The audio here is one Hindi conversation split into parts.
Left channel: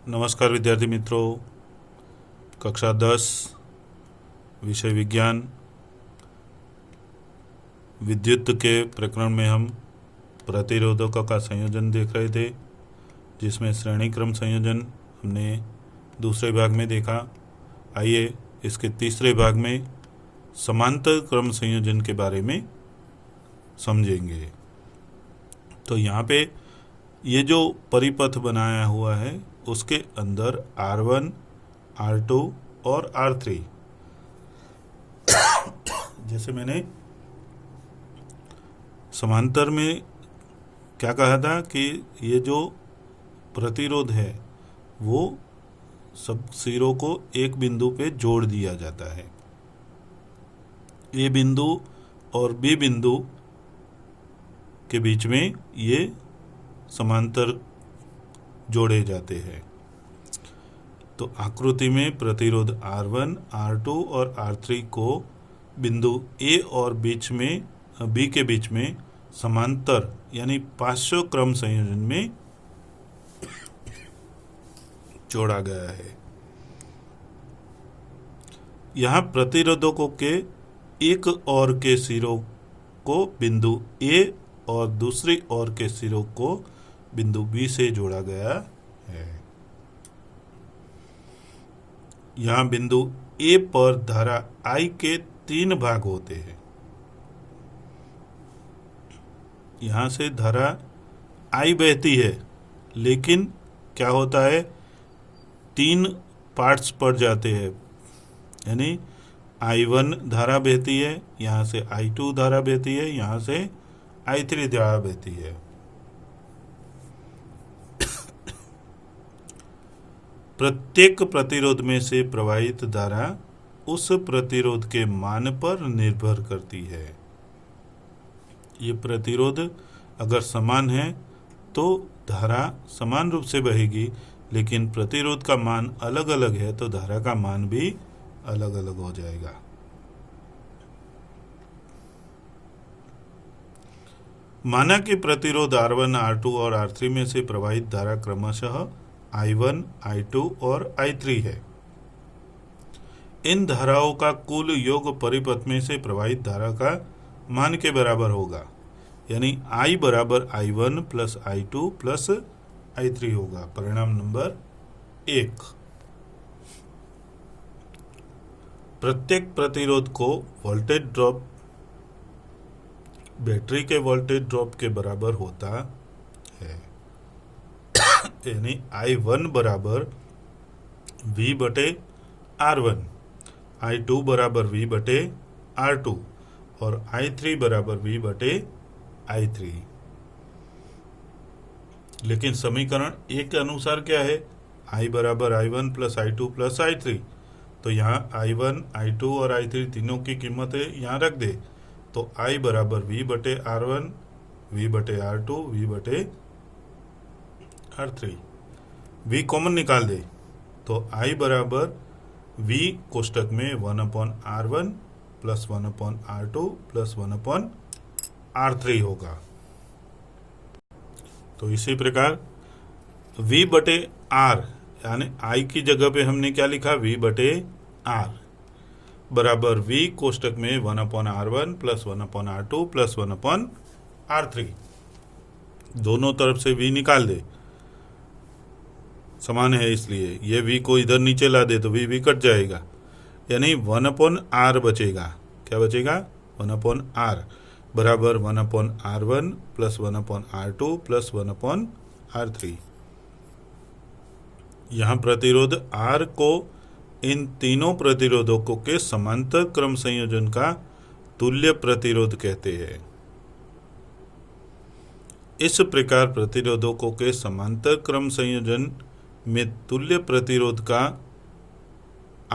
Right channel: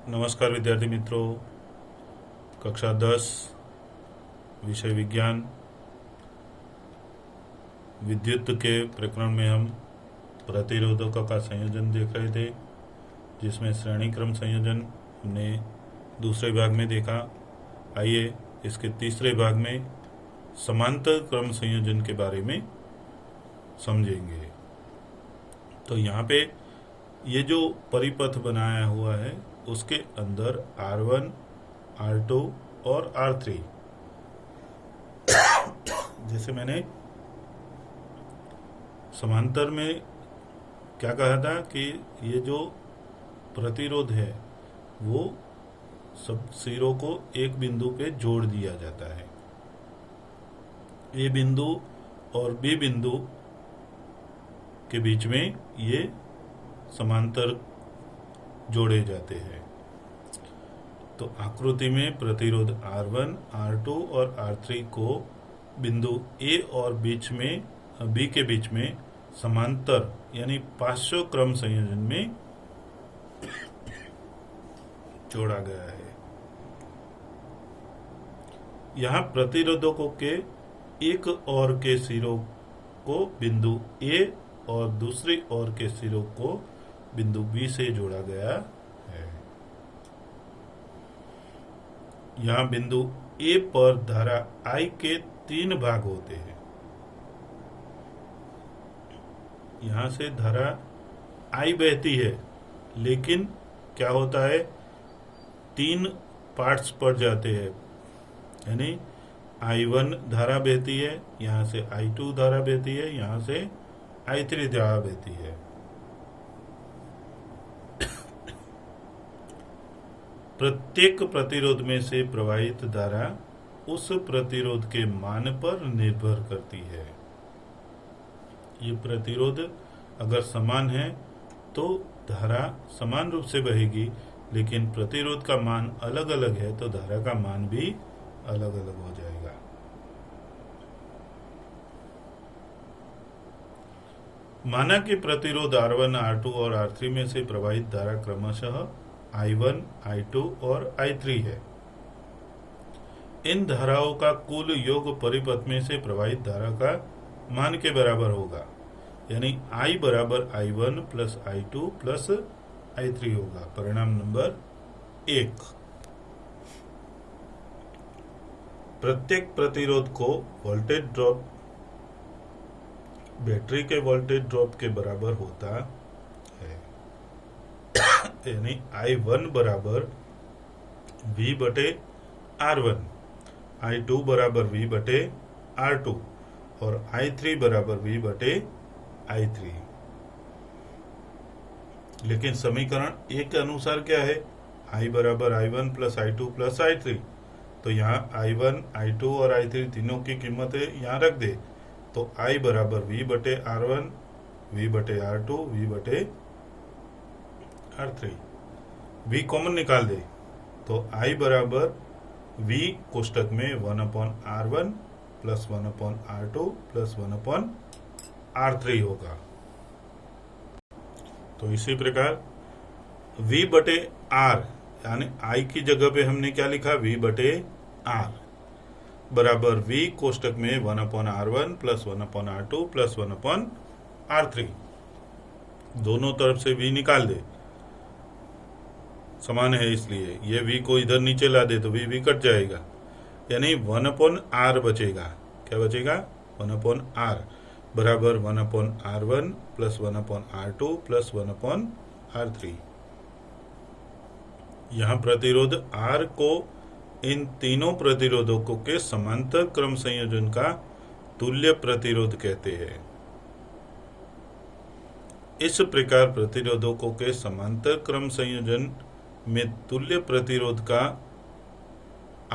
नमस्कार विद्यार्थी मित्रों, कक्षा 10 विषय विज्ञान विद्युत के प्रकरण में हम प्रतिरोधकों का संयोजन देख रहे थे, जिसमें श्रेणी क्रम संयोजन हमने दूसरे भाग में देखा। आइए इसके तीसरे भाग में समांतर क्रम संयोजन के बारे में समझेंगे। तो यहाँ पे ये जो परिपथ बनाया हुआ है उसके अंदर R1, R2 और R3, जैसे मैंने समांतर में क्या कहा था कि ये जो प्रतिरोध है वो सब सिरों को एक बिंदु पे जोड़ दिया जाता है। ए बिंदु और बी बिंदु के बीच में ये समांतर जोड़े जाते हैं। तो आकृति में प्रतिरोध R1, R2 और R3 को बिंदु A और B के बीच में समांतर यानी पार्श्व क्रम संयोजन में जोड़ा गया है। यहाँ प्रतिरोधकों के एक ओर के सिरों को बिंदु A और दूसरी ओर के सिरों को बिंदु B से जोड़ा गया है। यहाँ बिंदु A पर धारा I के 3 भाग होते हैं। यहाँ से धारा I बहती है, लेकिन क्या होता है, 3 पार्ट्स पड़ जाते हैं। यानी I1 धारा बहती है, यहाँ से I2 धारा बहती है, यहाँ से I3 धारा बहती है। प्रत्येक प्रतिरोध में से प्रवाहित धारा उस प्रतिरोध के मान पर निर्भर करती है। ये प्रतिरोध अगर समान है तो धारा समान रूप से बहेगी, लेकिन प्रतिरोध का मान अलग अलग है तो धारा का मान भी अलग अलग हो जाएगा। माना कि प्रतिरोध R1, R2 और R3 में से प्रवाहित धारा क्रमशः I1, I2 और I3 है। इन धाराओं का कुल योग परिपथ में से प्रवाहित धारा का मान के बराबर होगा। यानी I बराबर I1 plus I2 plus I3 होगा। परिणाम नंबर 1, प्रत्येक प्रतिरोध को वोल्टेज ड्रॉप बैटरी के वोल्टेज ड्रॉप के बराबर होता है। यानी I1 बराबर V बटे R1, I2 बराबर V बटे R2 और I3 बराबर V बटे I3। लेकिन समीकरण 1 के अनुसार क्या है, I बराबर I1 plus I2 plus I3। तो यहाँ I1, I2 और I3 तीनों की कीमतें यहाँ रख दे, तो I बराबर V बटे R1, V बटे R2, V बटे R3। V कॉमन निकाल दे तो I बराबर V कोष्टक में 1/R1 plus 1/R2 plus 1/R3 होगा। तो इसी प्रकार V बटे R, यानी I की जगह पे हमने क्या लिखा, V बटे R बराबर V कोष्टक में 1/R1 plus 1/R2 plus 1/R3। दोनों तरफ से V निकाल दे, समान है इसलिए ये V को इधर नीचे ला दे तो V कट जाएगा। यानी 1/R बचेगा। क्या बचेगा, 1/R बराबर 1/R1 plus 1/R2 plus 1/R3। यहाँ प्रतिरोध R को इन तीनों प्रतिरोधकों के समांतर क्रम संयोजन का तुल्य प्रतिरोध कहते हैं। इस प्रकार प्रतिरोधकों के समांतर क्रम संयोजन में तुल्य प्रतिरोध का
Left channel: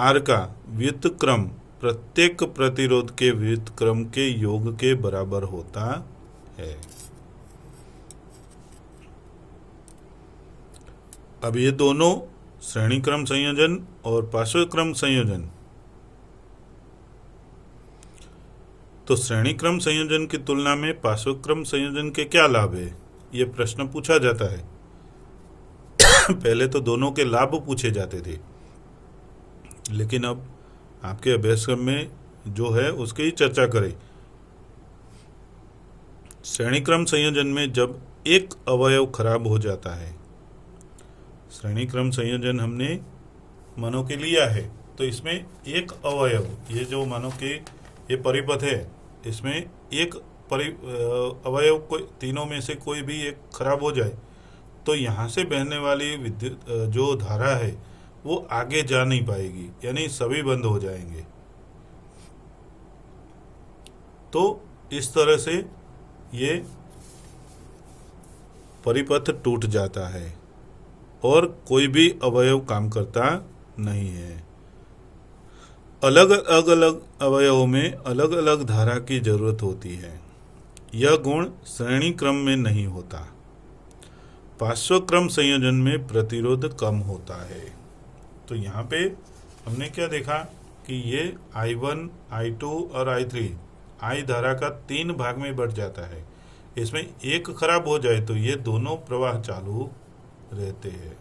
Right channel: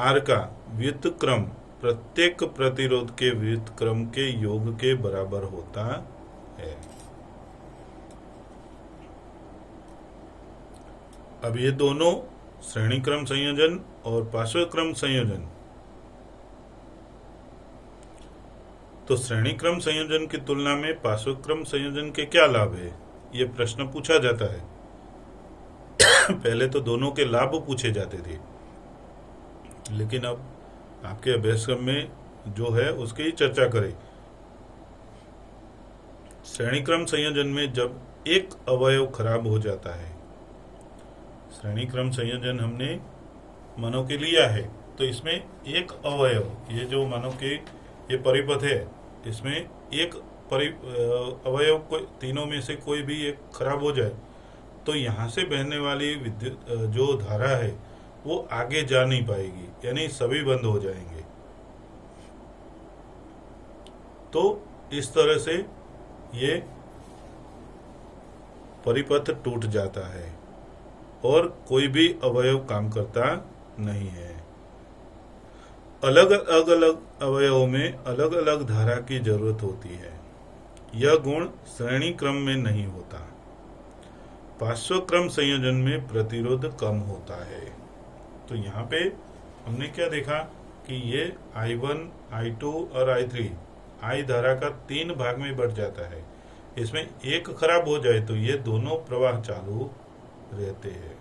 R का व्युत्क्रम प्रत्येक प्रतिरोध के व्युत्क्रम के योग के बराबर होता है। अब ये दोनों श्रेणी क्रम संयोजन और पार्श्व क्रम संयोजन, तो श्रेणी क्रम संयोजन की तुलना में पार्श्व क्रम संयोजन के क्या लाभ है, ये प्रश्न पूछा जाता है। पहले तो दोनों के लाभ पूछे जाते थे, लेकिन अब आपके अभ्यासक्रम में जो है उसकी ही चर्चा करें। श्रेणी क्रम संयोजन में जब एक अवयव खराब हो जाता है, श्रेणी क्रम संयोजन हमने मानो के लिया है, तो इसमें एक अवयव, ये जो मानो के ये परिपथ है, इसमें एक अवयव को तीनों में से कोई भी एक खराब हो जाए तो यहाँ से बहने वाली विद्युत जो धारा है वो आगे जा नहीं पाएगी, यानी सभी बंद हो जाएंगे। तो इस तरह से ये परिपथ टूट जाता है और कोई भी अवयव काम करता नहीं है। अलग अलग अवयवों में अलग अलग धारा की जरूरत होती है। यह गुण श्रेणी क्रम में नहीं होता। पार्श्व क्रम संयोजन में प्रतिरोध कम होता है। तो यहाँ पे हमने क्या देखा कि ये I1, I2 और I3 I धारा का 3 भाग में बढ़ जाता है। इसमें एक खराब हो जाए तो ये दोनों प्रवाह चालू रहते हैं।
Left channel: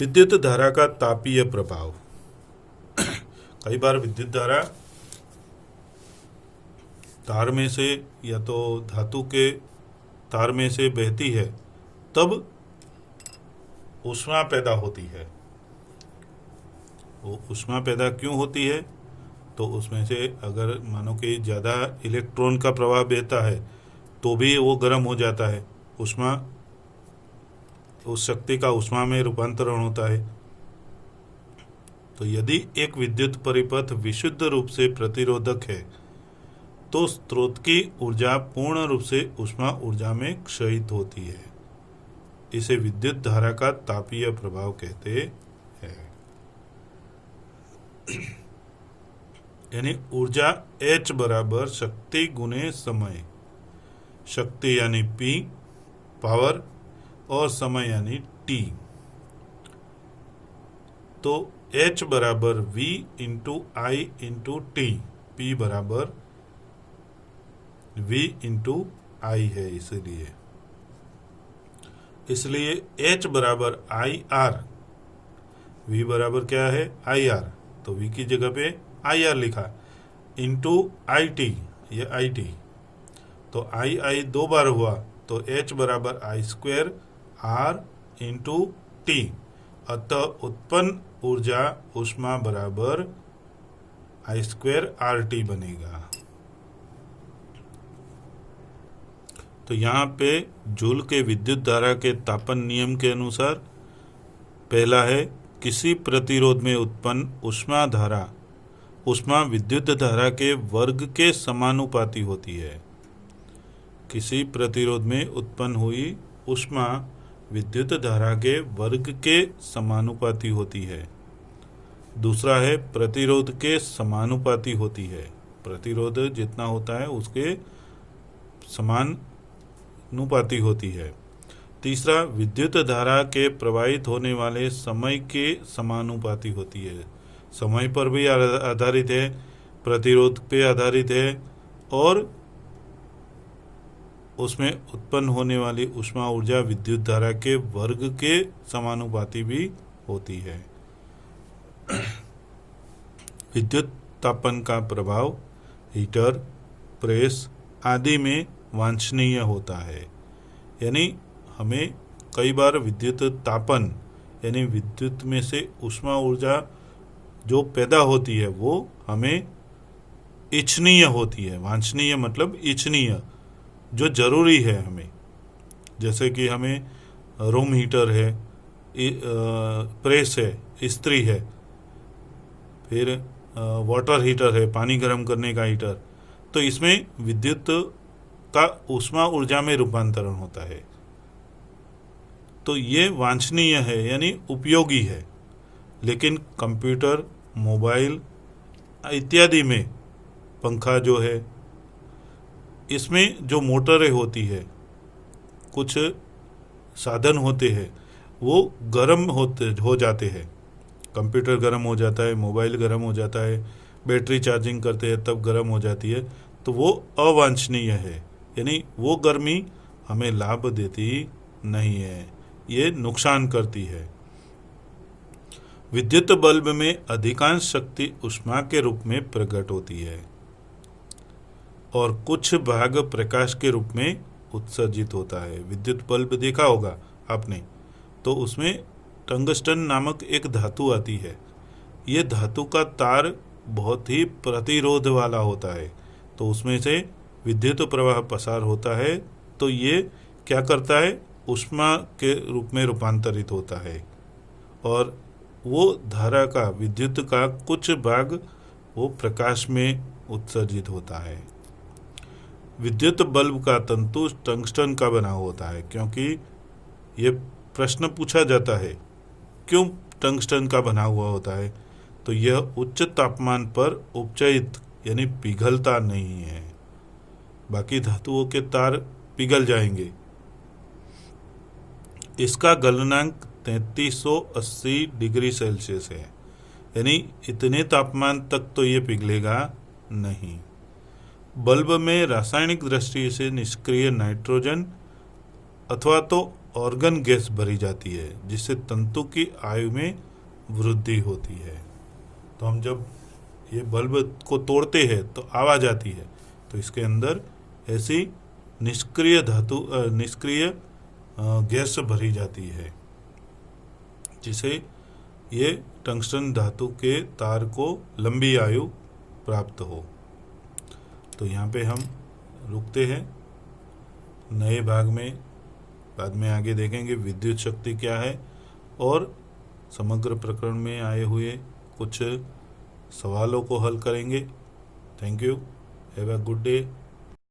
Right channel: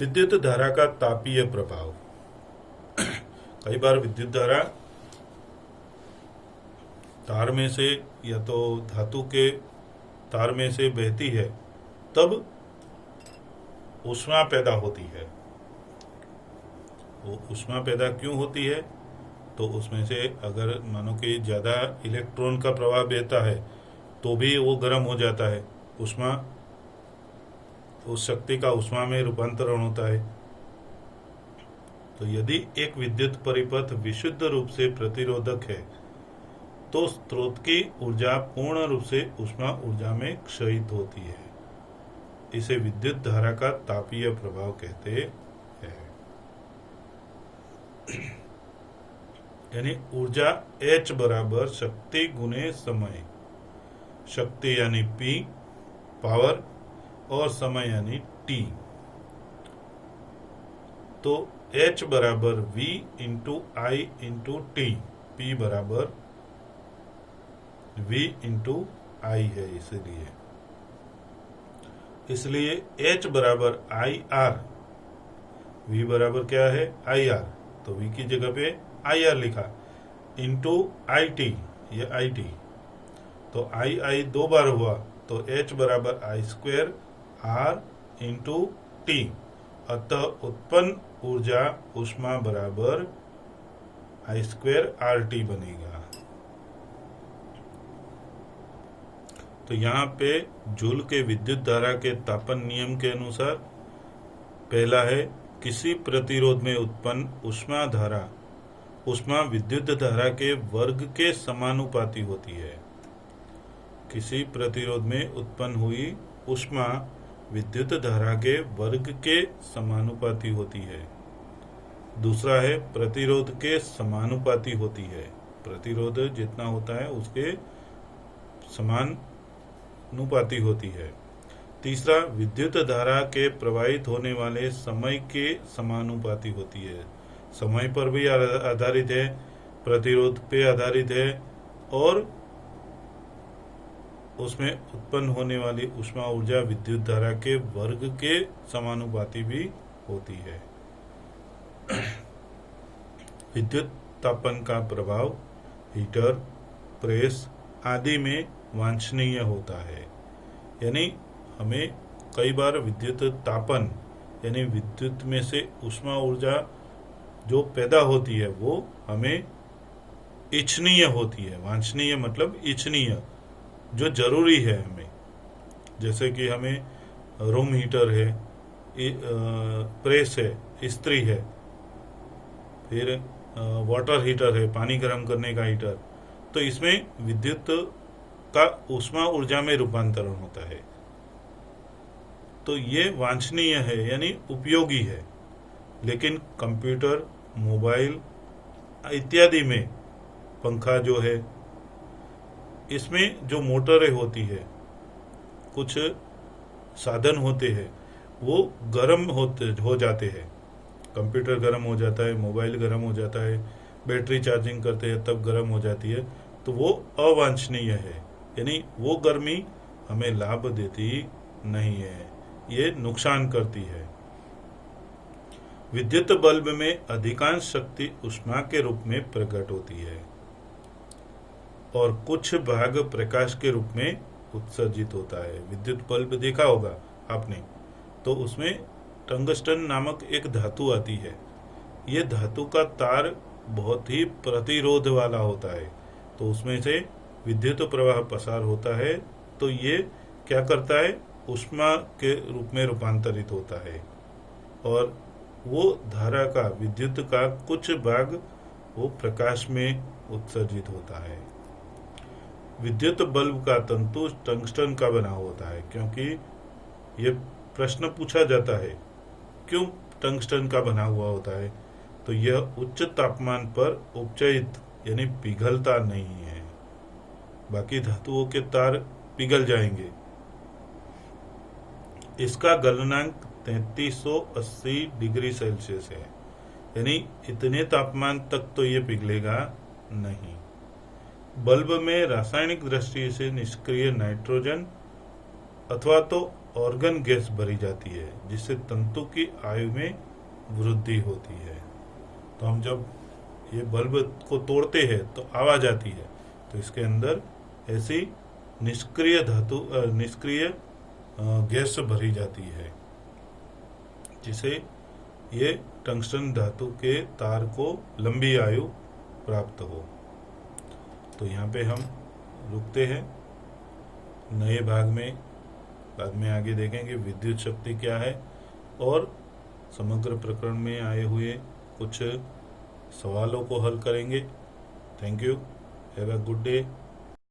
विद्युत धारा का तापीय प्रभाव। कई बार विद्युत धारा तार में से या तो धातु के तार में से बहती है, तब ऊष्मा पैदा होती है। वो ऊष्मा पैदा क्यों होती है? तो उसमें से अगर मानो कि ज़्यादा इलेक्ट्रॉन का प्रवाह बहता है तो भी वो गर्म हो जाता है। ऊष्मा, उस शक्ति का ऊष्मा में रूपांतरण होता है। तो यदि एक विद्युत परिपथ विशुद्ध रूप से प्रतिरोधक है तो स्रोत की ऊर्जा पूर्ण रूप से ऊष्मा ऊर्जा में क्षयित होती है। इसे विद्युत धारा का तापीय प्रभाव कहते हैं। यानी ऊर्जा H बराबर शक्ति गुने समय। शक्ति यानी P पावर और समय यानी T। तो H बराबर V into I into T, P बराबर V इंटू I है। इसलिए H बराबर IR, V बराबर क्या है IR, तो V की जगह पे IR लिखा, इंटू IT, ये IT, तो I दो बार हुआ तो H बराबर I square R into T। अतः उत्पन्न ऊर्जा ऊष्मा बराबर I स्क्वेयर RT बनेगा। तो यहाँ पे जूल के विद्युत धारा के तापन नियम के अनुसार पहला है, किसी प्रतिरोध में उत्पन्न ऊष्मा धारा ऊष्मा विद्युत धारा के वर्ग के समानुपाती होती है। किसी प्रतिरोध में उत्पन्न हुई ऊष्मा विद्युत धारा के वर्ग के समानुपाती होती है। दूसरा है, प्रतिरोध के समानुपाती होती है। प्रतिरोध जितना होता है उसके समानुपाती होती है। तीसरा, विद्युत धारा के प्रवाहित होने वाले समय के समानुपाती होती है। समय पर भी आधारित है, प्रतिरोध पे आधारित है और उसमें उत्पन्न होने वाली ऊष्मा ऊर्जा विद्युत धारा के वर्ग के समानुपाती भी होती है। विद्युत तापन का प्रभाव हीटर, प्रेस आदि में वांछनीय होता है। यानी हमें कई बार विद्युत तापन यानी विद्युत में से ऊष्मा ऊर्जा जो पैदा होती है वो हमें इच्छनीय होती है। वांछनीय मतलब इच्छनीय, जो जरूरी है हमें। जैसे कि हमें रूम हीटर है, प्रेस है, इस्त्री है, फिर वाटर हीटर है, पानी गर्म करने का हीटर, तो इसमें विद्युत का ऊष्मा ऊर्जा में रूपांतरण होता है। तो ये वांछनीय है यानी उपयोगी है। लेकिन कंप्यूटर, मोबाइल इत्यादि में, पंखा जो है, इसमें जो मोटरें होती है, कुछ साधन होते हैं वो गर्म हो जाते हैं। कंप्यूटर गर्म हो जाता है, मोबाइल गर्म हो जाता है, बैटरी चार्जिंग करते हैं तब गर्म हो जाती है। तो वो अवांछनीय है, यानी वो गर्मी हमें लाभ देती नहीं है, ये नुकसान करती है। विद्युत बल्ब में अधिकांश शक्ति ऊष्मा के रूप में प्रकट होती है और कुछ भाग प्रकाश के रूप में उत्सर्जित होता है। विद्युत बल्ब देखा होगा आपने, तो उसमें टंगस्टन नामक एक धातु आती है। ये धातु का तार बहुत ही प्रतिरोध वाला होता है, तो उसमें से विद्युत प्रवाह पसार होता है, तो ये क्या करता है, ऊष्मा के रूप में रूपांतरित होता है और वो धारा का, विद्युत का कुछ भाग वो प्रकाश में उत्सर्जित होता है। विद्युत बल्ब का तंतु टंगस्टन का बना होता है, क्योंकि ये प्रश्न पूछा जाता है क्यों टंगस्टन का बना हुआ होता है, तो यह उच्च तापमान पर उपचयित यानी पिघलता नहीं है। बाकी धातुओं के तार पिघल जाएंगे। इसका गलनांक 3380 डिग्री सेल्सियस है, यानी इतने तापमान तक तो ये पिघलेगा नहीं। बल्ब में रासायनिक दृष्टि से निष्क्रिय नाइट्रोजन अथवा तो ऑर्गन गैस भरी जाती है, जिससे तंतु की आयु में वृद्धि होती है। तो हम जब ये बल्ब को तोड़ते हैं तो आवाज आती है, तो इसके अंदर ऐसी निष्क्रिय गैस भरी जाती है, जिसे ये टंगस्टन धातु के तार को लंबी आयु प्राप्त हो। तो यहाँ पे हम रुकते हैं। नए भाग में बाद में आगे देखेंगे विद्युत शक्ति क्या है और समग्र प्रकरण में आए हुए कुछ सवालों को हल करेंगे। Thank you, have a good day.